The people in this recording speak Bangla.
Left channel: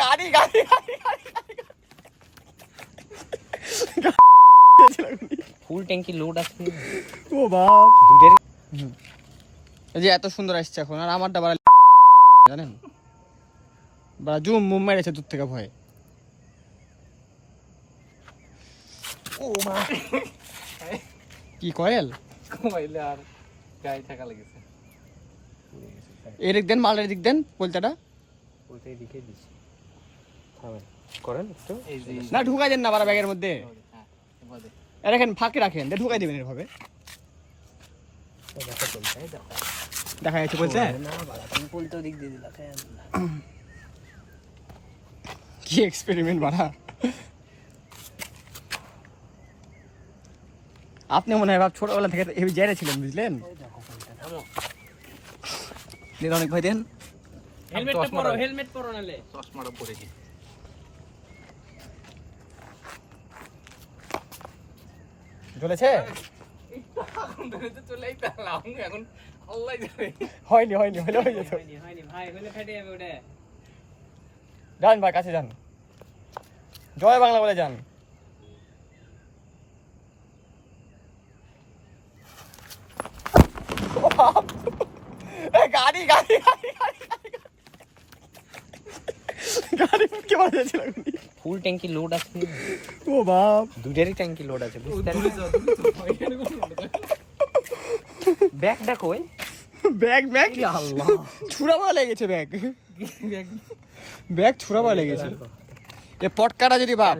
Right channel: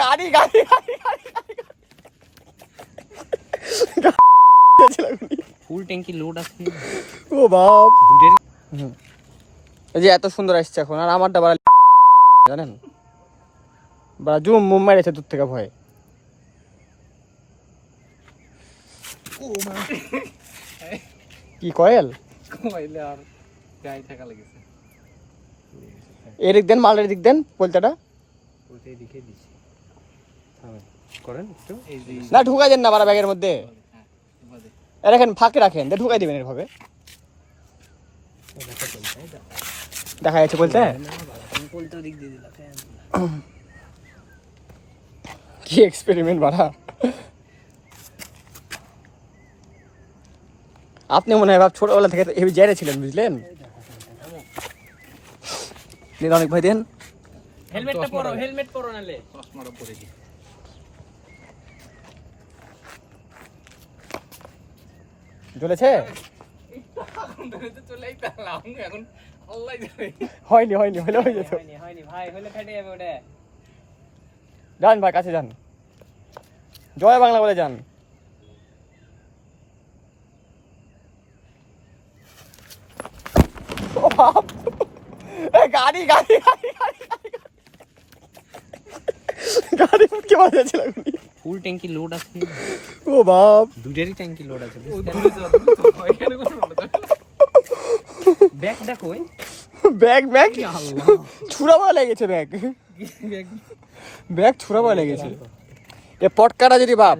গাড়ি গাড়ি গাড়ি ফুল ট্যাঙ্কি লোড আছে। ও বাপ দুধের এই যে এত সুন্দর আসছে এখন, আর আমারটা বাড়া জানেন বা জুম মুম মারেছে দূর থেকে ভয়। ও মা কি কয়েল কইলে আর গায়ে থাকা লেগেছে। এদিক দেন, মালের দিক দেন পলতাটা। ওইটাই দিকে দিছি। থামেন করেন একটু। এই যে না ঢুকাই দেন না বাড়া ব্যাগের মধ্যে, হ্যাঁ এবারে রাখেন ফাঁকে রাখেন, ঢুকাই দিবেন এভাবে। দেখা চলছে দেখা। দেখা যাচ্ছে বলতে না বাবা তুমি পলতো দিক দিয়ে দিলা কেন? কি এক্সপেরিমেন্ট বাড়া। আপনি মনে হয় বাপ ছোটবেলা থেকে হেভি জেরে ছিলেন বুঝলেন। অনেক ভাই দেন হেলমেট পরো নালে চশমাটা পরে কি ঝুলেছে। চলে আইতাম এখন আল্লাহ জানে। হয়নি হয়নি হলে হয়ে যেত। হয়নি ভাই হলে ফেটে যাবে ওটা। যান ভাই কাছে যান, জয় বাংলা বলে যান। গাড়ি গাড়ি গাড়ি গাড়ি কি বাজেছিল? ফুল ট্যাঙ্কি লোড আছে। ও বাপ দুধেরই ট্যাঙ্কি লোড আছে। দূরে যাও এখানে কোন ব্যাগ দেখো ওই ব্যাগ ব্যাগ আল্লাহ ছুরা মারা লেগেছে, ব্যাগ ব্যাগ ব্যাগ ছুরা মারা লেগেছে। এ পটকাটা যদি বাপ